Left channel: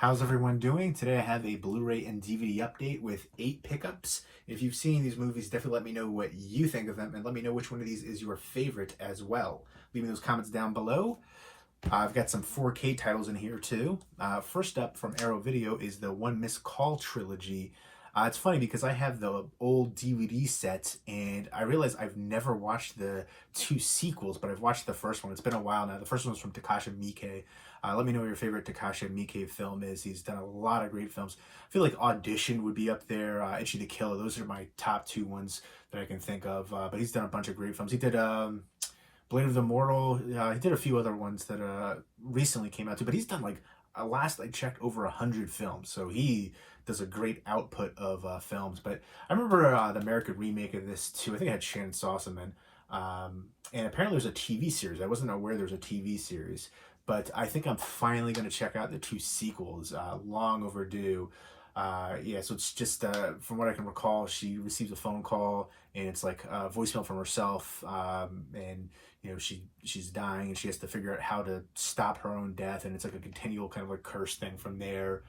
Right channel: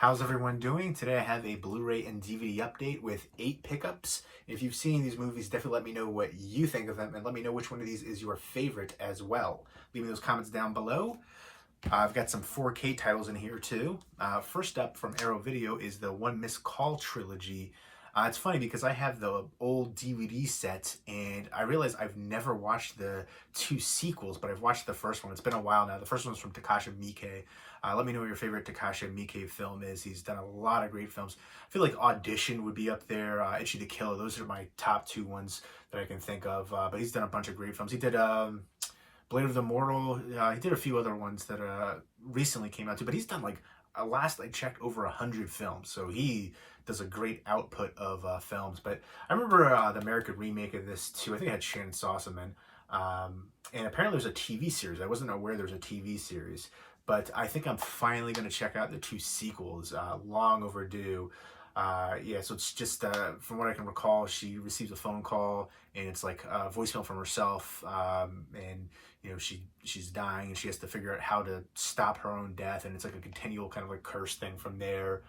How's everyone doing? Today I have a Blu-ray and DVD update with 8 pickups. If you've seen these movies, definitely let me know what you think of them and let me know which one of these is your favorite as well. Leave me those comments down below. I've got some 4K titles in here too. First up from Arrow Video is the One Miscall Trilogy. It's funny because I have the old DVD set and I realize I've never watched the 2 sequels, but I've watched the first one. It's been a while now. The first one was from Takashi Miike. Let me know what your favorite Takashi Miike film is. He's done a lot of great films. I feel like Audition would be up there. Itchy the Killer. Those are my top 2 ones that I can think of. But he's done a bunch of great films. He did Blade of the Immortal. He did a few other ones that recently came out too. But he's done like, last I checked, over 100 films. So he does a great output of films. But I remember the American remake of this too. I think it had Shannon Sossamon. And apparently there's a TV series. I wasn't aware there's a TV series. But I think I'm finally going to check out the 2 sequels. Long overdue. Yeah, so it's just, from what I can recall, she receives a phone call and it's like a voicemail from herself, and you know she's dying and she has to figure out how to stop her own death, and it's like a continual kind of like curse thing from there.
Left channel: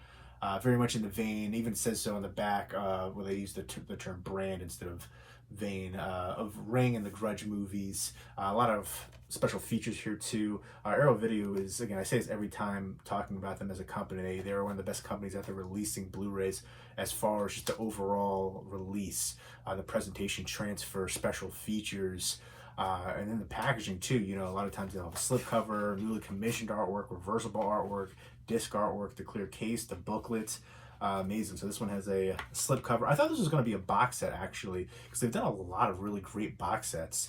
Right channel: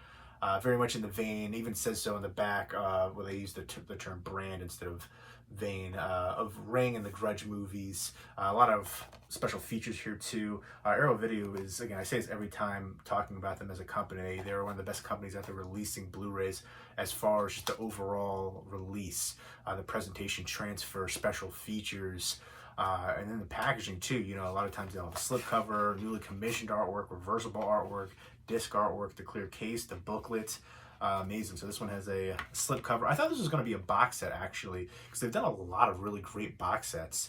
Very much in the vein, even says so in the back, where they use the term brand instead of vein, of Ring and the Grudge movies. A lot of special features here too. Arrow Video is, again, I say this every time talking about them as a company, they're one of the best companies out there releasing Blu-rays as far as just the overall release, the presentation, transfer, special features, and then the packaging too. You know, a lot of times they'll have a slipcover, newly commissioned artwork, reversible artwork, disc artwork, the clear case, the booklet. Amazing. So this one has a slipcover. I thought this was going to be a box set actually, because they've done a lot of really great box sets.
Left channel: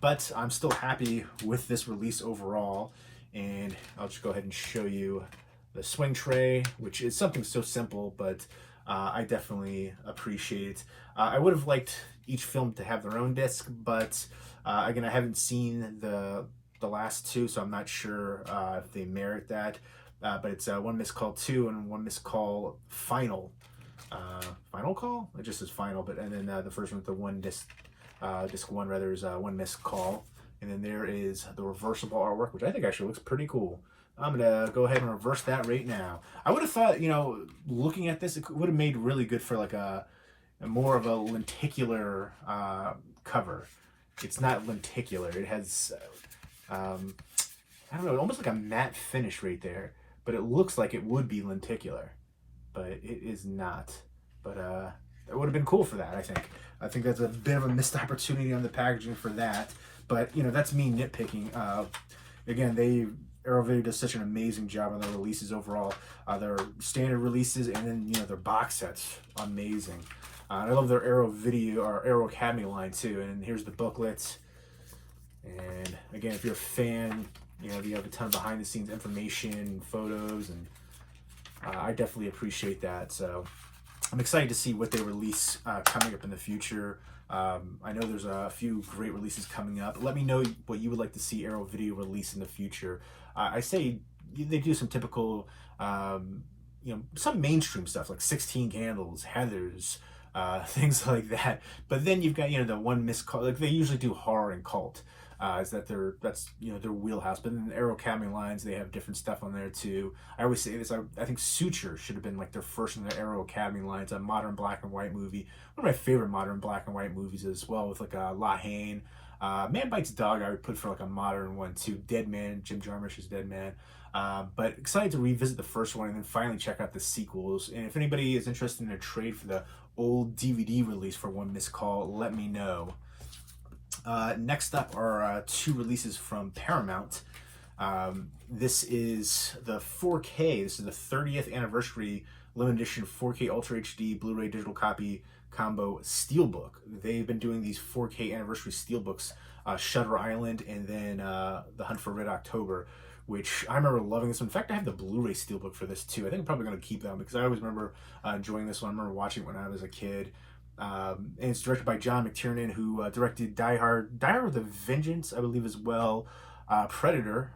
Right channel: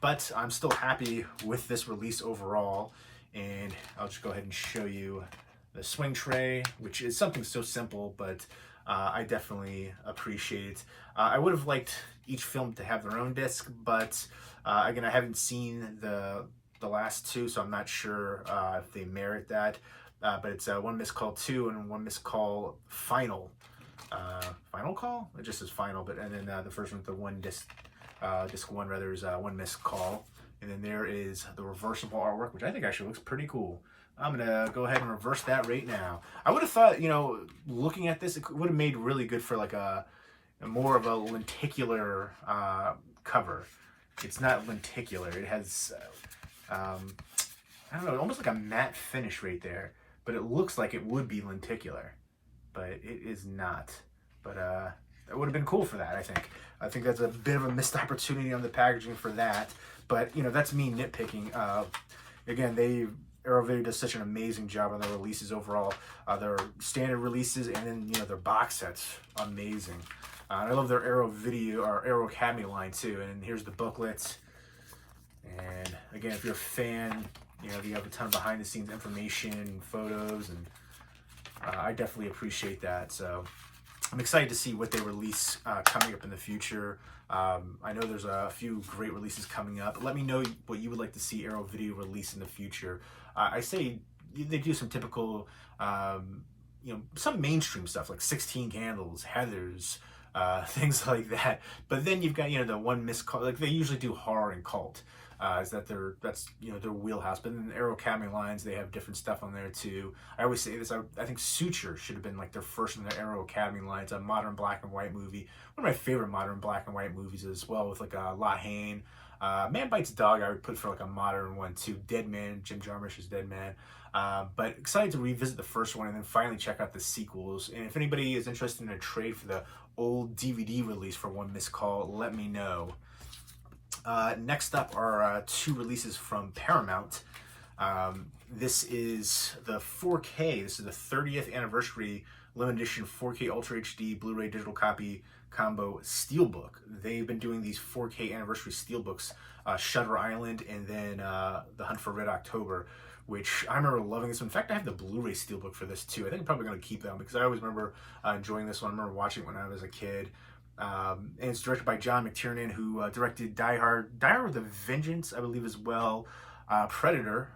But I'm still happy with this release overall, and I'll just go ahead and show you the swing tray, which is something so simple, but I definitely appreciate it. I would have liked each film to have their own disc, but again, I haven't seen the last 2, so I'm not sure if they merit that. But it's One Miscall 2 and One Miscall Final. Final Call? It just says Final, but and then the first one with the one disc 1 rather is One Miscall. And then there is the reversible artwork, which I think actually looks pretty cool. I'm gonna go ahead and reverse that right now. I would have thought, you know, looking at this, it would have made really good for like a more of a lenticular cover. It's not lenticular. It has, I don't know, almost like a matte finish right there. But it looks like it would be lenticular, but it is not. But that would have been cool for that, I think. I think that's a bit of a missed opportunity on the packaging for that. But, you know, that's me nitpicking. Again, Arrow Video does such an amazing job on their releases overall. Their standard releases and then, you know, their box sets, amazing. I love their Arrow Video, or Arrow Academy line too. And here's the booklets. And again, if you're a fan, you know, you have a ton of behind the scenes information and photos, and I definitely appreciate that. So I'm excited to see what they release coming up in the future. I know there's a few great releases coming up. Let me know what you would like to see Arrow Video release in the future. I say they do some typical, you know, some mainstream stuff like 16 Candles, Heathers, things like that. But then you've got, you know, the One Miscall, like they usually do horror and cult. That's you know, their wheelhouse. But in the Arrow Academy lines, they have different stuff on there too. I always say this, I think Suture should have been like their first in the Arrow Academy lines, a modern black and white movie. One of my favorite modern black and white movies as well, with like La Haine. Man Bites Dog I would put for like a modern one too. Dead Man, Jim Jarmusch's Dead Man. But excited to revisit the first one and then finally check out the sequels. And if anybody is interested in a trade for the old DVD release for One Miscall, let me know. Next up are 2 releases from Paramount. This is the 4K. This is the 30th anniversary limited edition 4K Ultra HD Blu-ray digital copy combo Steelbook. They've been doing these 4K anniversary Steelbooks, Shutter Island and then The Hunt for Red October, which I remember loving this one. In fact, I have the Blu-ray Steelbook for this too. I think I'm probably going to keep them because I always remember enjoying this one. I remember watching it when I was a kid. And it's directed by John McTiernan, who directed Die Hard with a Vengeance, I believe, as well. Predator.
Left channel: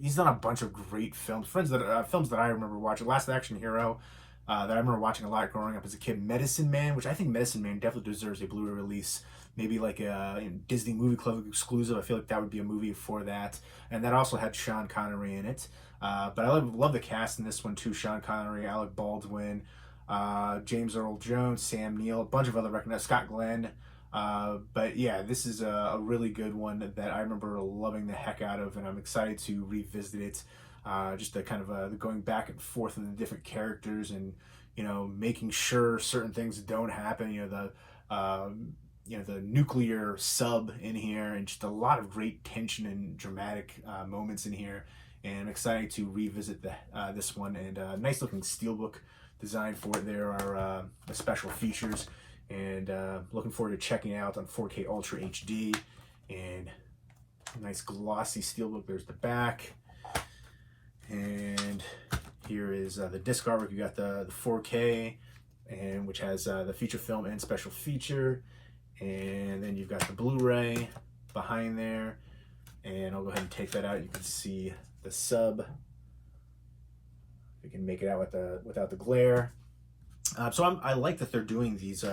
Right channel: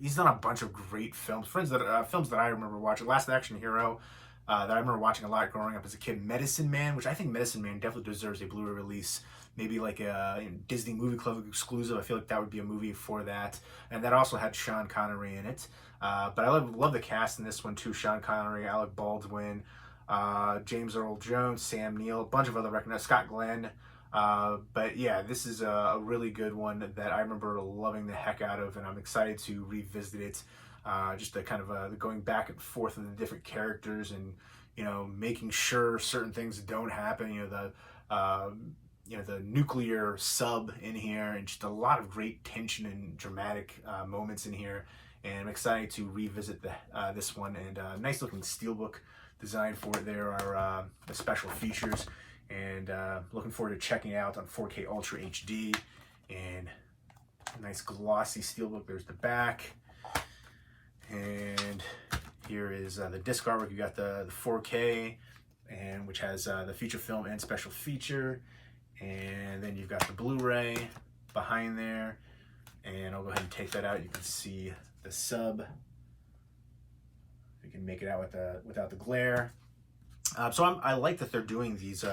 He's done a bunch of great films. Films that I remember watching. Last Action Hero, that I remember watching a lot growing up as a kid. Medicine Man, which I think Medicine Man definitely deserves a Blu-ray release. Maybe like a Disney Movie Club exclusive. I feel like that would be a movie for that. And that also had Sean Connery in it. But I love the cast in this one too. Sean Connery, Alec Baldwin, James Earl Jones, Sam Neill, a bunch of other recognized, Scott Glenn. But yeah, this is a really good one that I remember loving the heck out of, and I'm excited to revisit it. Just the kind of the going back and forth of the different characters, and making sure certain things don't happen. The nuclear sub in here, and just a lot of great tension and dramatic moments in here. And I'm excited to revisit this one, and nice looking steelbook design for it. There are the special features, and looking forward to checking it out on 4K Ultra HD. And nice glossy steelbook. There's the back, and here is the disc artwork. You got the 4K, and which has the feature film and special feature, and then you've got the Blu-ray behind there. And I'll go ahead and take that out. You can see the sub. You can make it out without the glare. So I like that they're doing these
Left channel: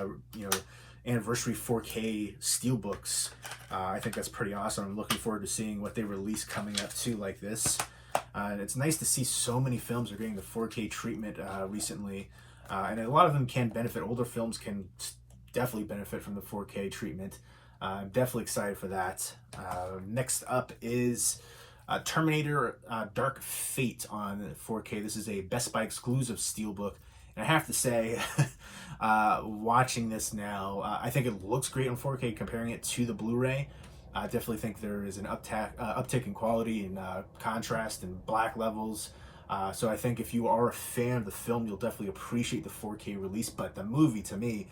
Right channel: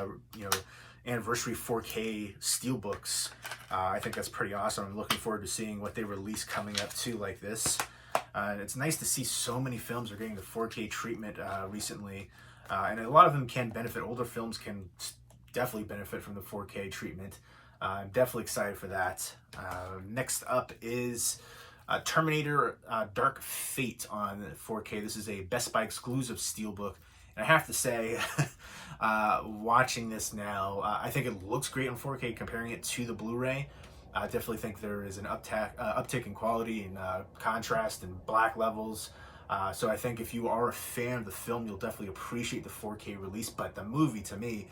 anniversary 4K steelbooks. I think that's pretty awesome. I'm looking forward to seeing what they release coming up too, like this. And it's nice to see so many films are getting the 4K treatment recently, and a lot of them can benefit. Older films can definitely benefit from the 4K treatment. I'm definitely excited for that. Next up is Terminator Dark Fate on 4K. This is a Best Buy exclusive steelbook. And I have to say, watching this now, I think it looks great on 4K comparing it to the Blu-ray. I definitely think there is an uptick in quality and contrast and black levels. So I think if you are a fan of the film, you'll definitely appreciate the 4K release. But the movie, to me,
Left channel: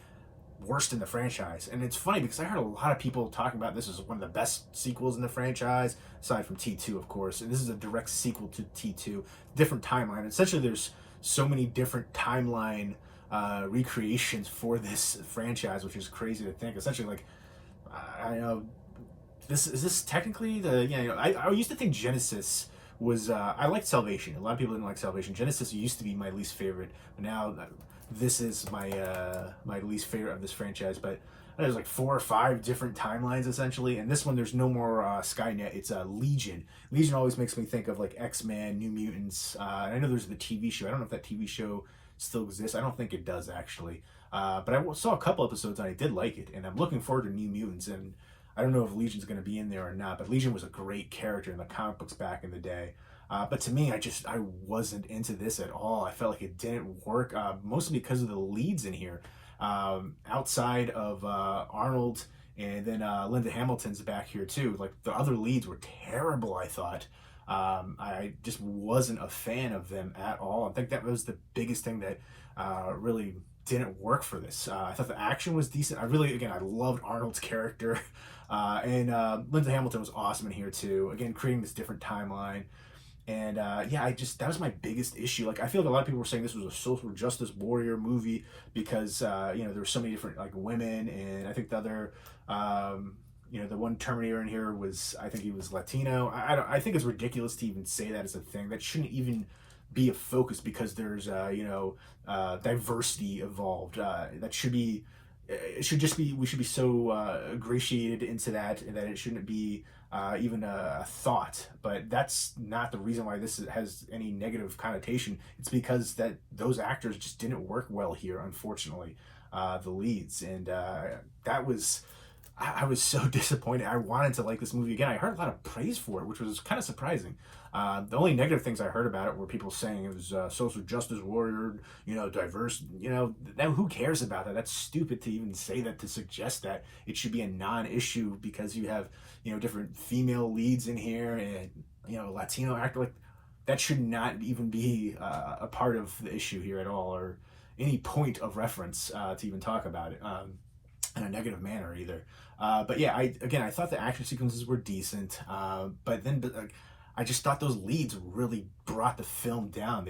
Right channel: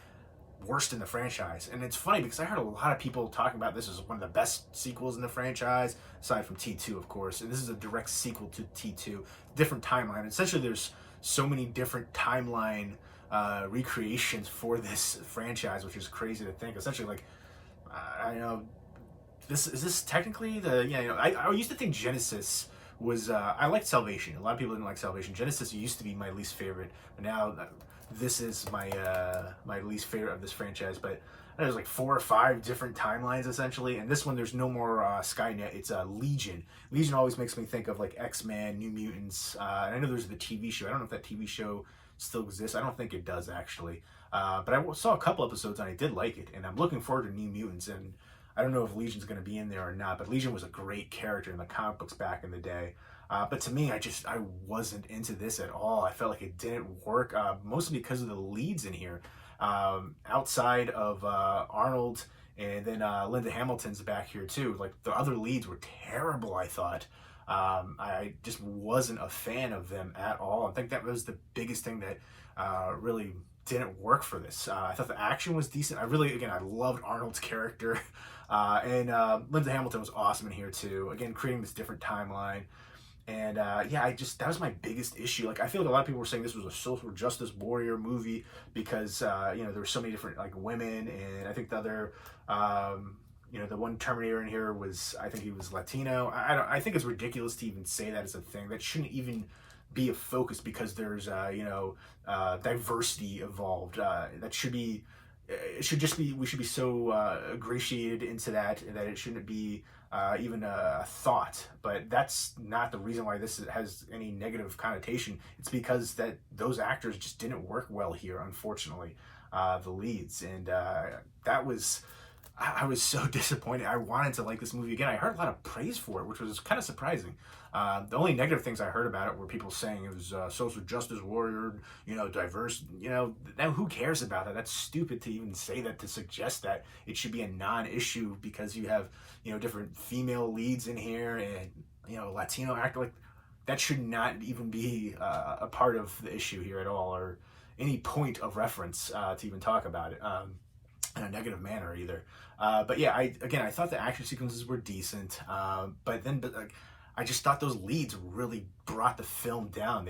worst in the franchise. And it's funny because I heard a lot of people talking about this as one of the best sequels in the franchise, aside from T2, of course. And this is a direct sequel to T2, different timeline. Essentially, there's so many different timeline recreations for this franchise, which is crazy to think. Essentially, like, I know, is this technically the, I used to think Genesis was, I liked Salvation. A lot of people didn't like Salvation. Genesis used to be my least favorite, but now this is my my least favorite of this franchise. But there's like 4 or 5 different timelines essentially, and this one there's no more Skynet. It's Legion. Legion always makes me think of like X-Men, New Mutants. And I know there's the TV show. I don't know if that TV show still exists. I don't think it does actually. But I saw a couple episodes and I did like it, and I'm looking forward to New Mutants. And I don't know if Legion's going to be in there or not, but Legion was a great character in the comic books back in the day. But to me, I wasn't into this at all. I felt like it didn't work, mostly because of the leads in here. Outside of Arnold, and then Linda Hamilton's back here too. Like, the other leads were terrible, I thought. I just wasn't a fan of them at all. I think that was the biggest thing that really didn't work for this. I thought the action was decent. I loved Arnold's character. And Linda Hamilton was awesome in here too. Again, creating this different timeline. And that was my biggest issue. Like, I feel like a lot of people were saying this was a social justice warrior movie because there were so many different like women, and I think the other the one Terminator in here was, I think he was Latino. I think it's ridiculous to even say that as a thing. That shouldn't even be a focus because there's diversity involved. That should be. It should just be, we should be so ingratiated into that it shouldn't be even a thought. But that's not the reason why this has any negative connotation. It's because that those actors just didn't work well here, unfortunately, the leads. And I was so disappointed. I wanted to like this movie again. I heard a lot of praise for it, which was kind of surprising. The only negative things I heard about it were people saying it was social justice warrior, diverse. Now who cares about that? That's stupid to even say that, to suggest that it should be a non-issue because you have, different female leads in here and, Latino actor. Like, that should not even be a part of the issue here at all, or any point of reference to even talk about it in a negative manner either. But yeah, I thought the action sequences were decent, but I just thought those leads really brought the film down.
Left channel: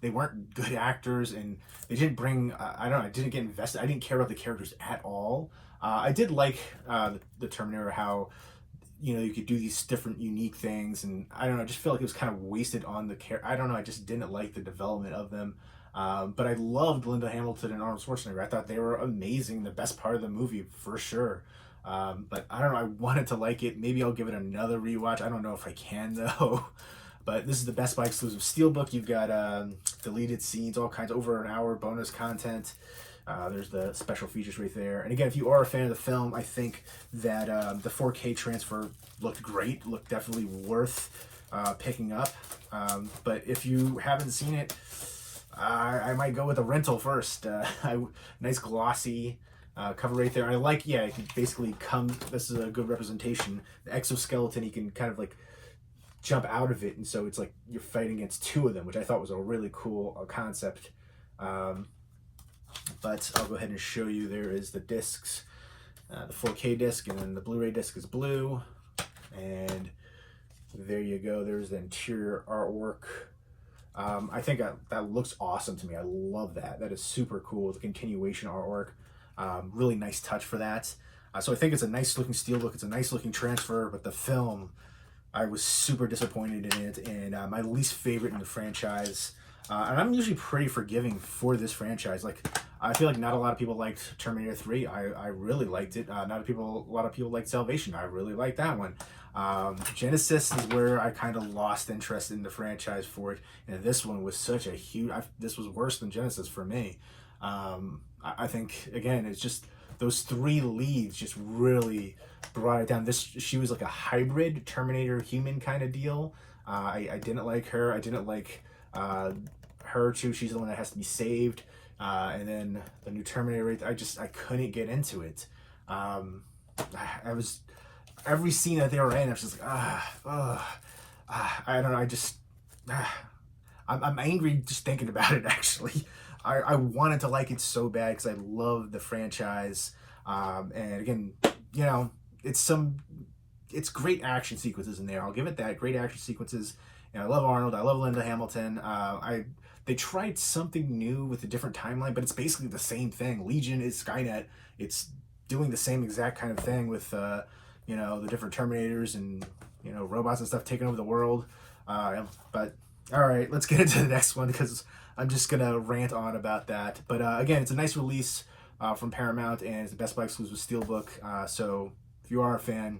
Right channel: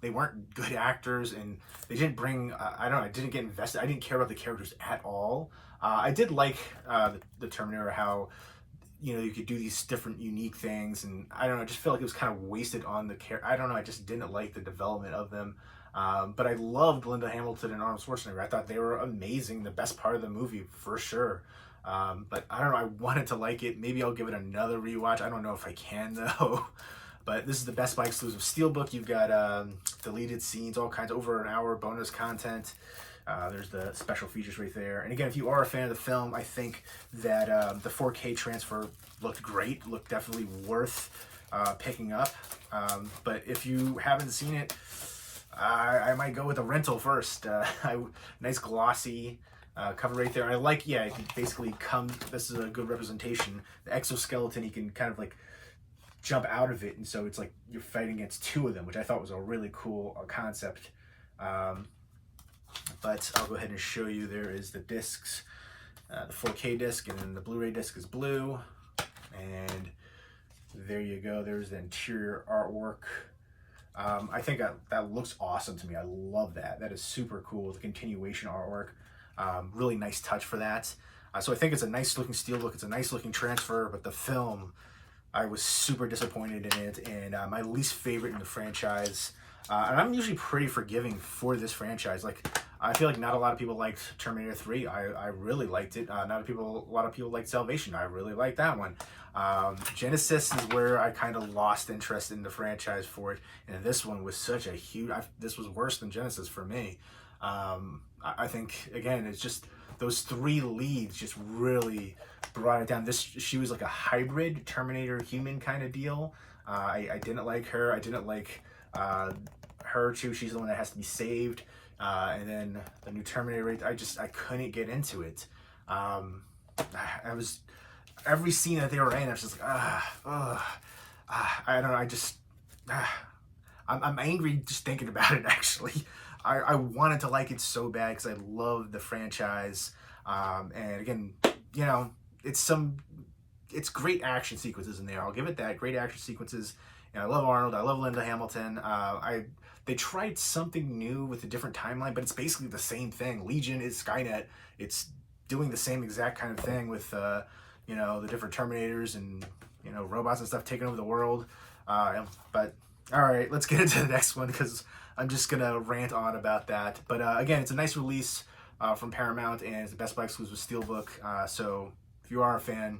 They weren't good actors, and they didn't bring, I didn't get invested. I didn't care about the characters at all. I did like the Terminator, how, you could do these different unique things, and I just felt like it was kind of wasted on the character. I just didn't like the development of them. But I loved Linda Hamilton and Arnold Schwarzenegger. I thought they were amazing, the best part of the movie for sure. But I wanted to like it. Maybe I'll give it another rewatch. I don't know if I can though. But this is the Best Buy exclusive Steelbook. You've got deleted scenes, all kinds, over an hour bonus content. There's the special features right there. And again, if you are a fan of the film, I think that the 4K transfer looked great, looked definitely worth picking up. But if you haven't seen it, I might go with a rental first. Nice glossy cover right there. And I like, yeah, it can basically come, this is a good representation. The exoskeleton, you can kind of like jump out of it, and so it's like you're fighting against two of them, which I thought was a really cool concept. But I'll go ahead and show you. There is the discs, the 4K disc, and then the Blu-ray disc is blue. And there you go. There's the interior artwork. I think that looks awesome to me. I love that. That is super cool. The continuation artwork. Really nice touch for that. So I think it's a nice looking Steelbook. It's a nice looking transfer, but the film, I was super disappointed in it, and my least favorite in the franchise. And I'm usually pretty forgiving for this franchise. Like, I feel like not a lot of people liked Terminator 3. I really liked it. A lot of people liked Salvation. I really liked that one. Genesis is where I kind of lost interest in the franchise for it. And this one was such a huge, this was worse than Genesis for me. I think, again, it's just those three leads just really brought it down. She was like a hybrid Terminator human kind of deal. I didn't like her. I didn't like her too. She's the one that has to be saved. And then the new Terminator, I couldn't get into it. I was, every scene that they were in, I was just like, I don't know. I'm angry just thinking about it, actually. I wanted to like it so bad because I love the franchise. And again, you know, it's great action sequences in there. I'll give it that. Great action sequences. And I love Arnold. I love Linda Hamilton. They tried something new with a different timeline, but it's basically the same thing. Legion is Skynet. It's doing the same exact kind of thing with, you know, the different Terminators and, you know, robots and stuff taking over the world. But all right, let's get into the next one because I'm just going to rant on about that. But again, it's a nice release from Paramount, and it's the Best Buy exclusive Steelbook. So if you are a fan,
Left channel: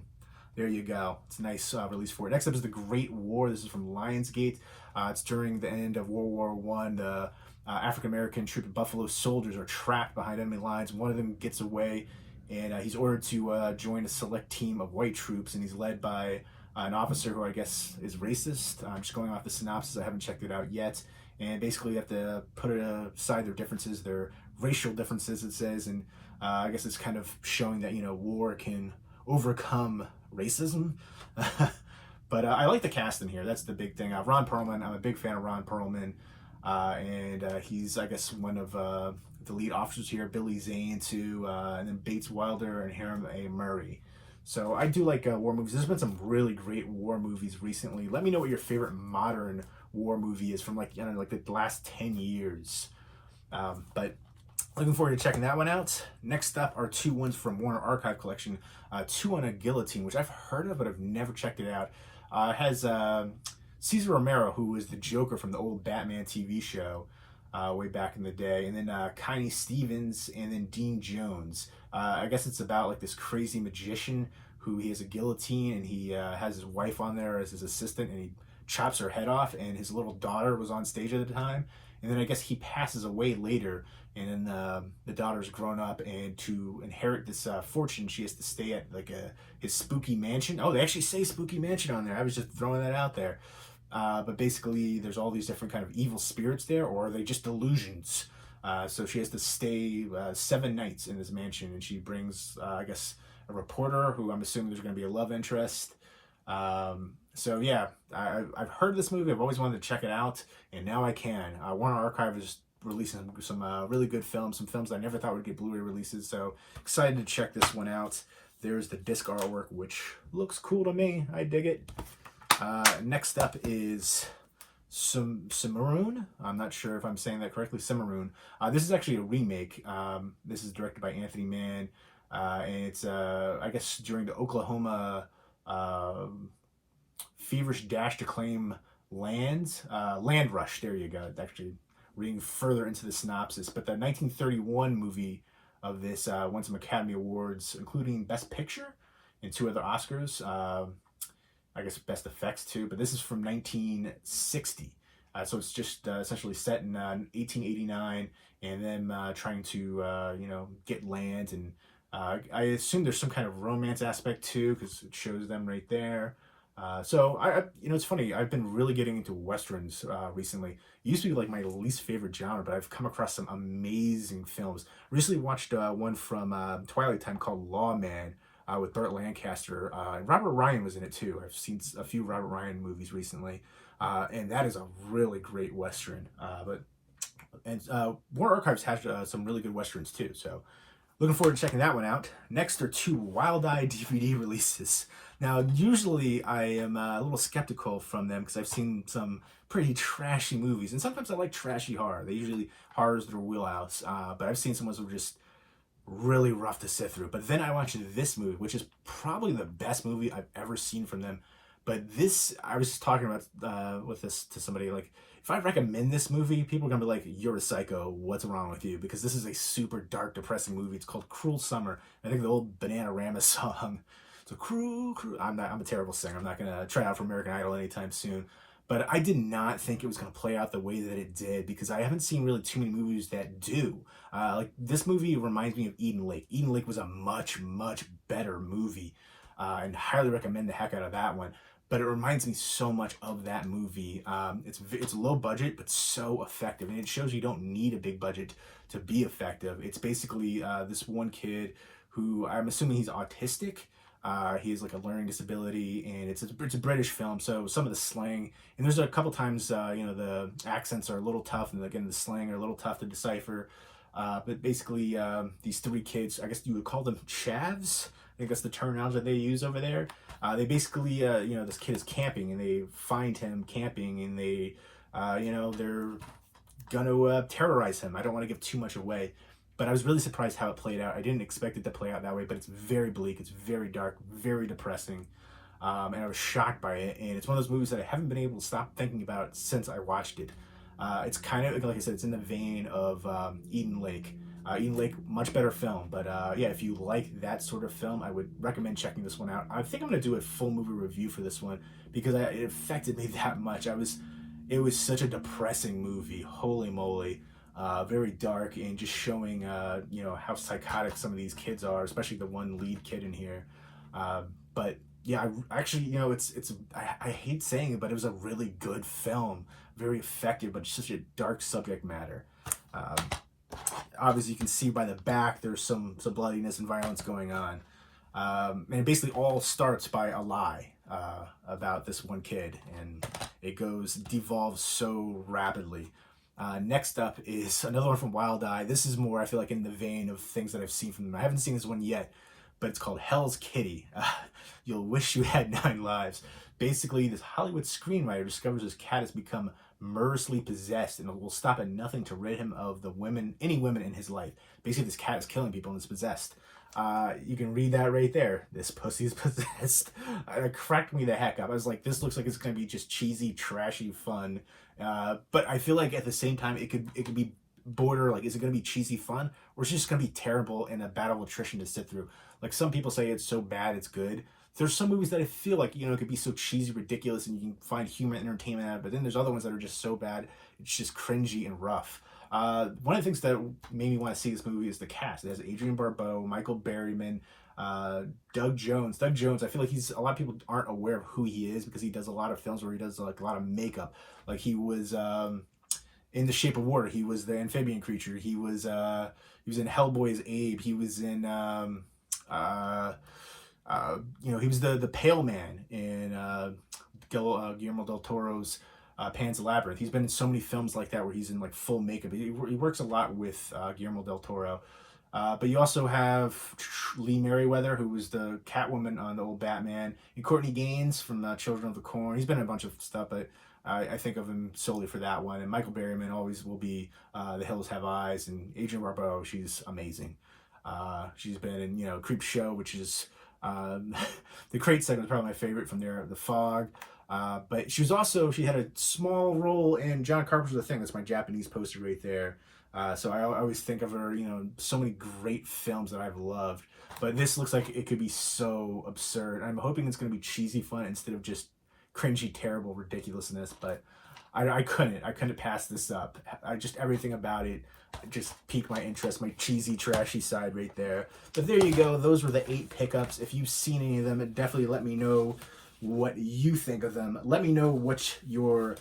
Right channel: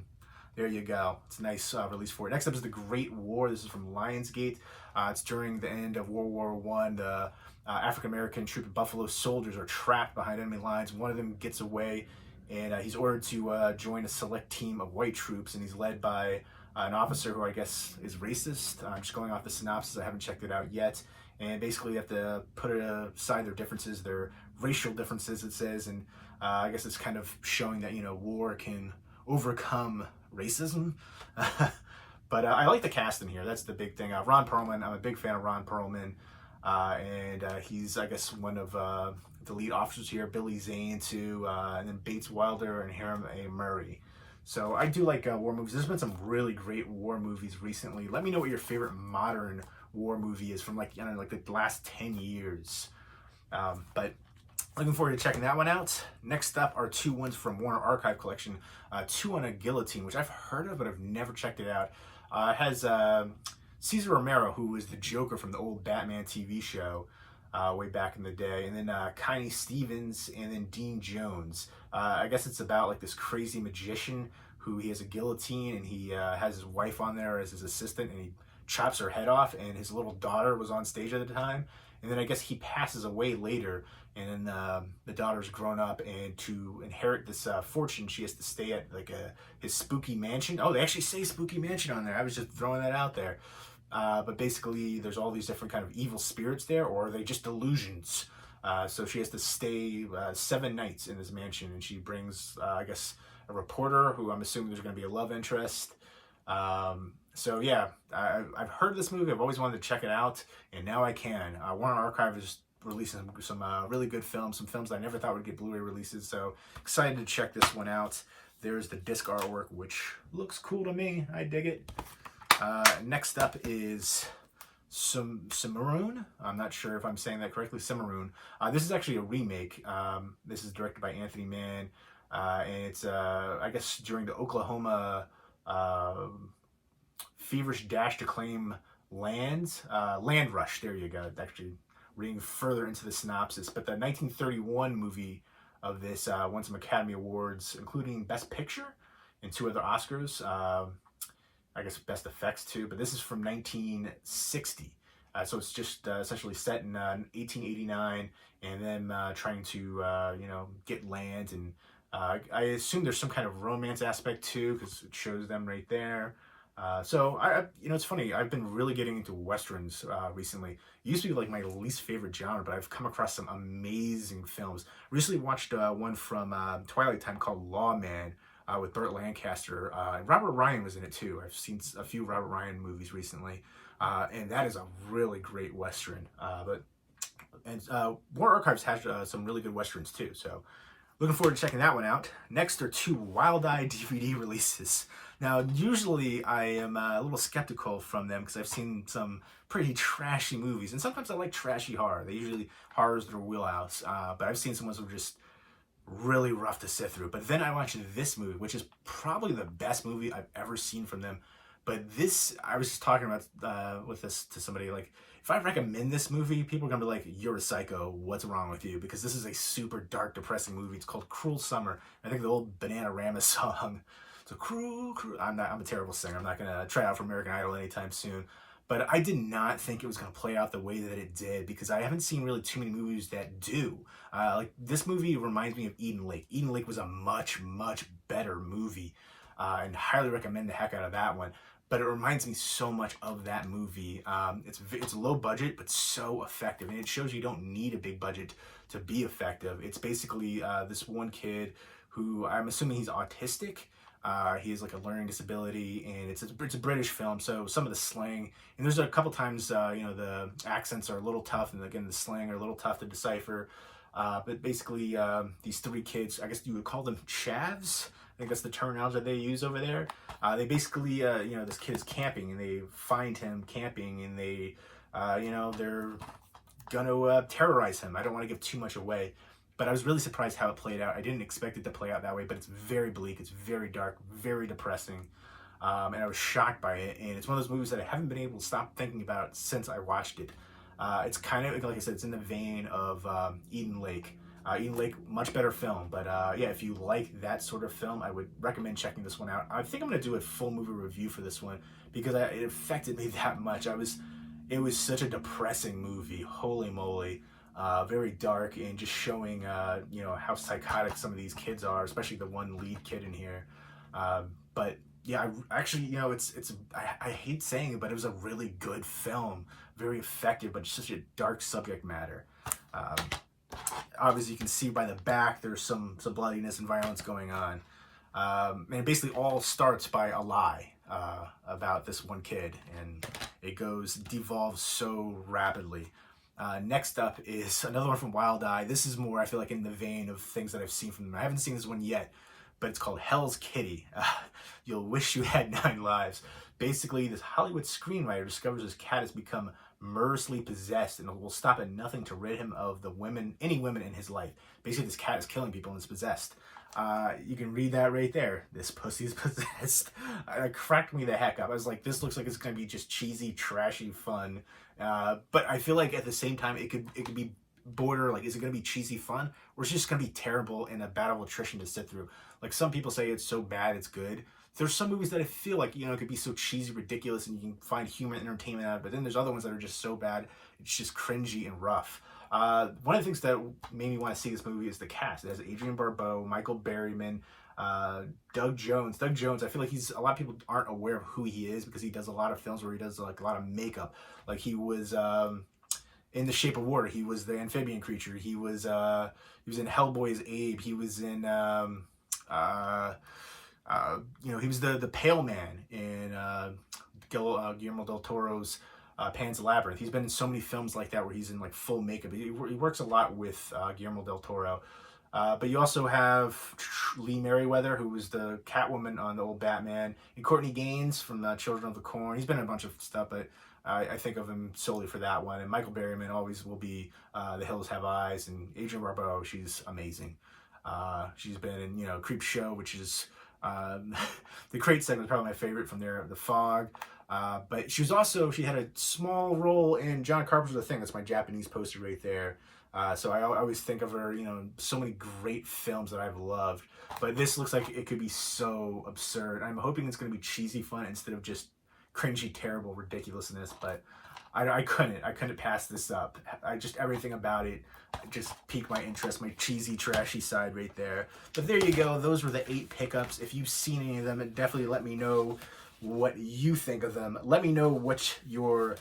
there you go. It's a nice release for it. Next up is The Great War. This is from Lionsgate. It's during the end of World War I. The African-American troop of Buffalo soldiers are trapped behind enemy lines. One of them gets away, and he's ordered to join a select team of white troops, and he's led by an officer who I guess is racist. I'm just going off the synopsis. I haven't checked it out yet. And basically, you have to put aside their differences, their racial differences, it says. And I guess it's kind of showing that, you know, war can overcome racism. But I like the cast in here. That's the big thing. Ron Perlman, I'm a big fan of Ron Perlman. And he's, I guess, one of the lead officers here. Billy Zane, too. And then Bates Wilder and Hiram A. Murray. So I do like war movies. There's been some really great war movies recently. Let me know what your favorite modern war movie is from, like, I don't know, like the last 10 years. But looking forward to checking that one out. Next up are two ones from Warner Archive Collection. Two on a Guillotine, which I've heard of, but I've never checked it out. It has Cesar Romero, who was the Joker from the old Batman TV show way back in the day. And then Connie Stevens, and then Dean Jones. I guess it's about like this crazy magician who he has a guillotine, and he has his wife on there as his assistant, and he chops her head off, and his little daughter was on stage at the time. And then I guess he passes away later, and then the daughter's grown up, and to inherit this fortune, she has to stay at like his spooky mansion. Oh, they actually say spooky mansion on there. I was just throwing that out there. But basically, there's all these different kind of evil spirits there, or are they just delusions? So she has to stay 7 nights in this mansion, and she brings, I guess, a reporter who I'm assuming there's going to be a love interest. So yeah, I've heard of this movie. I've always wanted to check it out, and now I can. Warner Archive is releasing some really good films, some films that I never thought would get Blu-ray releases. So excited to check this one out. There's the disc artwork, which looks cool to me. I dig it. Next up is Simran. I'm not sure if I'm saying that correctly. Simran. This is actually a remake. This is directed by Anthony Mann, and it's I guess during the Oklahoma feverish dash to claim land rush. There you go. Actually, reading further into the synopsis, but the 1931 movie of this won some Academy Awards, including Best Picture and 2 other Oscars. I guess, best effects too. But this is from 1960. So it's just essentially set in 1889, and then trying to get land, and I assume there's some kind of romance aspect too, because it shows them right there. So it's funny. I've been really getting into westerns recently. It used to be like my least favorite genre, but I've come across some amazing films. Recently watched one from Twilight Time called Lawman with Burt Lancaster. And Robert Ryan was in it too. I've seen a few Robert Ryan movies recently, and that is a really great western. War Archives has some really good westerns too. So looking forward to checking that one out. Next are two Wild Eye DVD releases. Now, usually I am a little skeptical from them because I've seen some pretty trashy movies, and sometimes I like trashy horror. They usually horrors their wheelhouse, but I've seen some ones that were just really rough to sit through. But then I watched this movie, which is probably the best movie I've ever seen from them. But this, I was just talking about with this to somebody, like, if I recommend this movie, people are gonna be like, "You're a psycho. What's wrong with you?" Because this is a super dark, depressing movie. It's called "Cruel Summer." I think the old Bananarama song. It's a cruel. I'm a terrible singer. I'm not gonna try out for American Idol anytime soon. But I did not think it was gonna play out the way that it did, because I haven't seen really too many movies that do. Like this movie reminds me of Eden Lake. Eden Lake was a much, much better movie, and highly recommend the heck out of that one. But it reminds me so much of that movie. It's low budget, but so effective. And it shows you don't need a big budget to be effective. It's basically this one kid who, I'm assuming he's autistic. He has like a learning disability, and it's a British film. So some of the slang, and there's a couple times, the accents are a little tough, and again, the slang are a little tough to decipher. But basically, these three kids, I guess you would call them chavs. I think that's the terminology that they use over there. They basically, this kid is camping, and they find him camping, and they, they're gonna terrorize him. I don't want to give too much away, but I was really surprised how it played out. I didn't expect it to play out that way, but it's very bleak, it's very dark, very depressing, and I was shocked by it. And it's one of those movies that I haven't been able to stop thinking about since I watched it. It's kind of, like I said, it's in the vein of Eden Lake. Eden Lake, much better film, but if you like that sort of film, I would recommend checking this one out. I think I'm going to do a full movie review for this one, because it affected me that much. It was such a depressing movie, holy moly. Very dark, and just showing how psychotic some of these kids are, especially the one lead kid in here. But yeah, I actually, I hate saying it, but it was a really good film, very effective, but such a dark subject matter. Obviously, you can see by the back there's some bloodiness and violence going on, and it basically all starts by a lie about this one kid, and it devolves so rapidly. Next up is another one from Wild Eye. This is more, I feel like, in the vein of things that I've seen from them. I haven't seen this one yet, but it's called Hell's Kitty. You'll wish you had 9 lives. Basically, this Hollywood screenwriter discovers his cat has become murderously possessed, and will stop at nothing to rid him of any women in his life. Basically, this cat is killing people and it's possessed. You can read that right there. This pussy's possessed. It cracked me the heck up. I was like, this looks like it's going to be just cheesy, trashy fun. But I feel like at the same time, it could be border, like, is it going to be cheesy fun, or is it just going to be terrible and a battle of attrition to sit through? Like, some people say it's so bad it's good. There's some movies that I feel like, it could be so cheesy, ridiculous, and you can find humor and entertainment out of it, but then there's other ones that are just so bad, it's just cringy and rough. One of the things that made me want to see this movie is the cast. It has Adrienne Barbeau, Michael Berryman, Doug Jones. Doug Jones, I feel like a lot of people aren't aware of who he is, because he does a lot of films where he does like a lot of makeup. Like, he was in The Shape of Water. He was the amphibian creature. He was in Hellboy's Abe. He was in he was the Pale Man in Guillermo del Toro's Pan's Labyrinth. He's been in so many films like that where he's in like full makeup. He works a lot with Guillermo del Toro. But you also have Lee Merriweather, who was the Catwoman on the old Batman, and Courtney Gaines from Children of the Corn. He's been in a bunch of stuff, but I think of him solely for that one. And Michael Berryman always will be The Hills Have Eyes, and Adrienne Barbeau, she's amazing. She's been in Creep Show, which is The crate segment is probably my favorite from there, The Fog. But she had a small role in John Carpenter's The Thing. That's my Japanese poster right there. So I always think of her, so many great films that I've loved. But this looks like it could be so absurd. I'm hoping it's going to be cheesy fun instead of just cringy, terrible ridiculousness. But I couldn't pass this up. Everything about it just piqued my interest, my cheesy, trashy side right there. But there you go. Those were the 8 pickups. If you've seen any of them, definitely let me know what you think of them. Let me know what your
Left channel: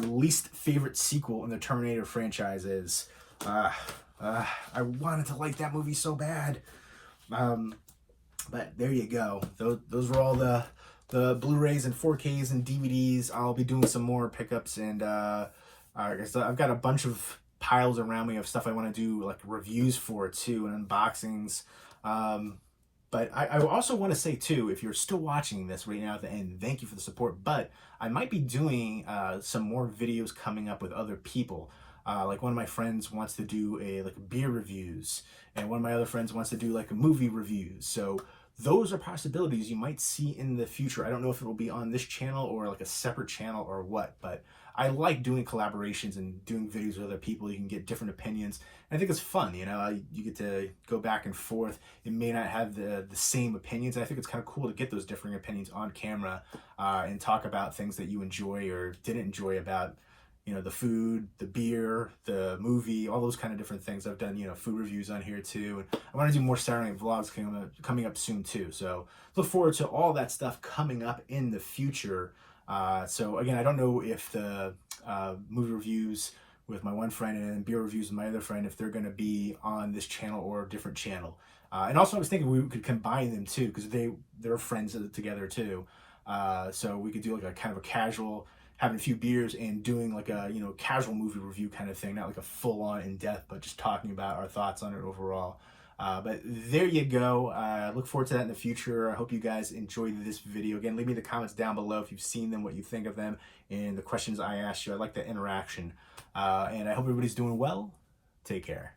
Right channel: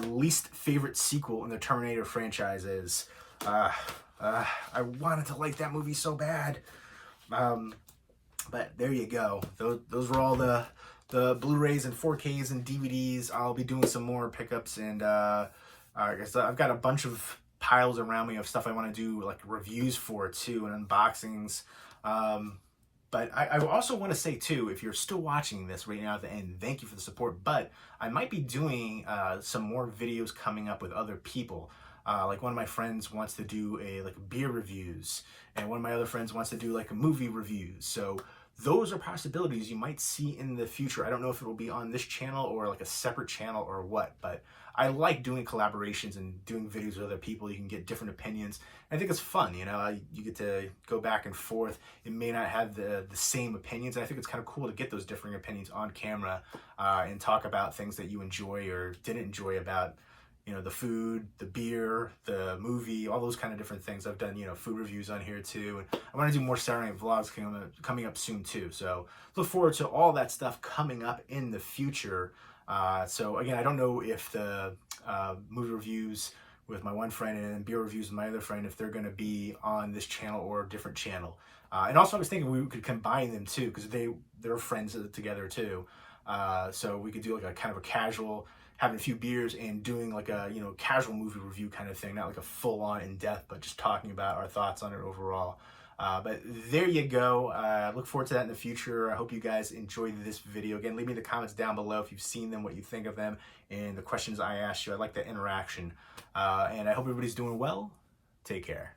least favorite sequel in the Terminator franchise is. I wanted to like that movie so bad. But there you go. Those were all the Blu-rays and 4Ks and DVDs. I'll be doing some more pickups, and I've got a bunch of piles around me of stuff I want to do, like reviews for too, and unboxings. But I also want to say too, if you're still watching this right now at the end, thank you for the support. But I might be doing some more videos coming up with other people. Like one of my friends wants to do beer reviews, and one of my other friends wants to do like a movie reviews. So those are possibilities you might see in the future. I don't know if it will be on this channel or like a separate channel or what, but I like doing collaborations and doing videos with other people. You can get different opinions. I think it's fun, you get to go back and forth. It may not have the same opinions. I think it's kind of cool to get those differing opinions on camera and talk about things that you enjoy or didn't enjoy about the food, the beer, the movie, all those kind of different things. I've done, food reviews on here too. And I want to do more Saturday Night Vlogs coming up soon too. So look forward to all that stuff coming up in the future. So again, I don't know if the movie reviews with my one friend and beer reviews with my other friend, if they're going to be on this channel or a different channel. And also I was thinking we could combine them too, because they're friends together too. So we could do like a kind of a casual, having a few beers and doing like a casual movie review kind of thing, not like a full-on in-depth, but just talking about our thoughts on it overall. But there you go. Look forward to that in the future. I hope you guys enjoyed this video. Again, leave me the comments down below if you've seen them, what you think of them, and the questions I asked you. I like that interaction. And I hope everybody's doing well. Take care.